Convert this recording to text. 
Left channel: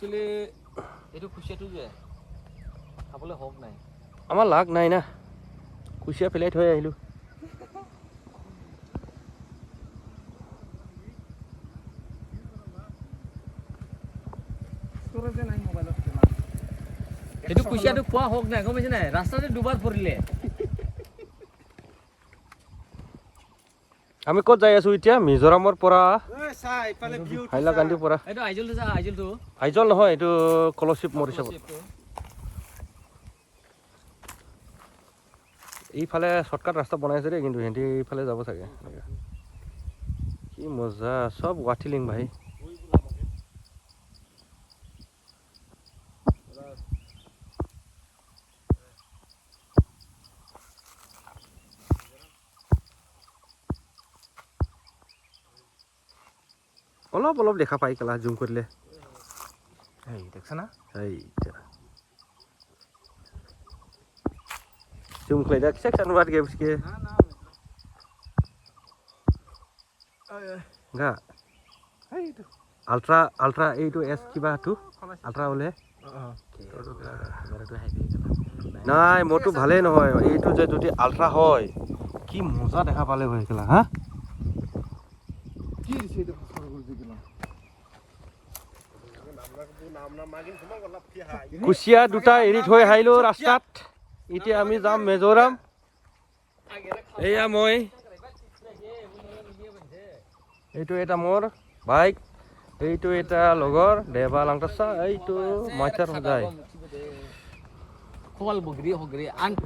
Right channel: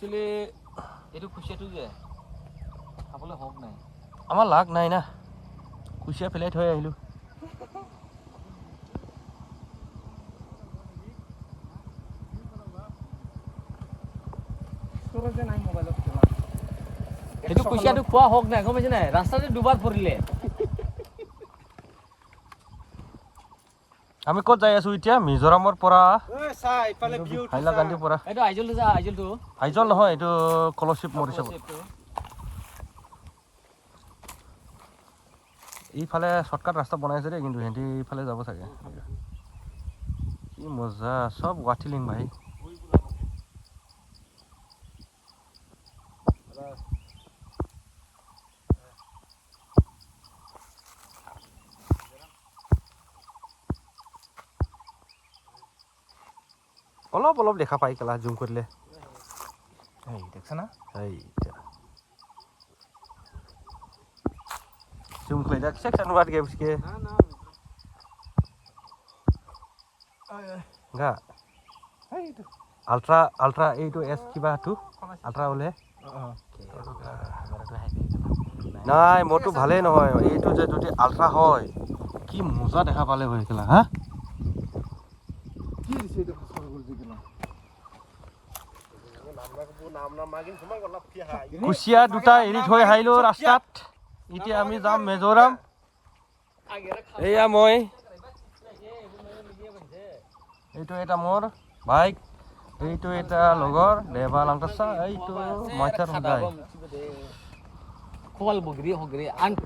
actually এইটো কুচিয়াটো যে খাবলৈ হওক নাই আমাৰ লাগ নাই না কুচিয়া পেলাই থৈ আহিলোঁ সেইটো কুচিয়াটো খোৱা হওক নাই গম পাইছে নাই ৰাস্তাতে দুবাৰ পৰিলে আমি ক'ত যাই আছো এতিয়া মিজোৰামৰ পৰা হাইলাকান্দিৰ পৰা এইটো আইজলটো যা আইজলটো আইজল নহয় এইটো কলৰশ্বিপ মৰিছে এইফালে শ্বৰ্টকাট ৰাস্তা বনাইছে দেই কিন্তু সিহঁতি এইফালে যাব চাগে কি মজা চব ৱাঠিলিং ভাই অলপ অলপ দেখা পাই কেলা জুম কৰিলে দেখছ না জুম কৰি যা সেকশন वाट गया उसके গা আলট্ৰা এইটো এস কিবা টু আলট্ৰা ওলে নাই মোৰটো ভালেই নহয় এইটো যে যদি আলট্ৰা হয় কি মজা দেখা পালে হৈ গেলা হা কি দিছে এইটো ফসল কৰি দিলা কুচিয়া দুটা এৰি থৈ আহিলো ৰাস্তাত এতিয়া আমি যাম মিজোৰাম এয়া মই এইটো এটা মোৰ বাইক এইটো এটা লগৰ দেবা লংকাছা এইটো মাথাৰ গাই কোৱাল বগৰি হগৰি আন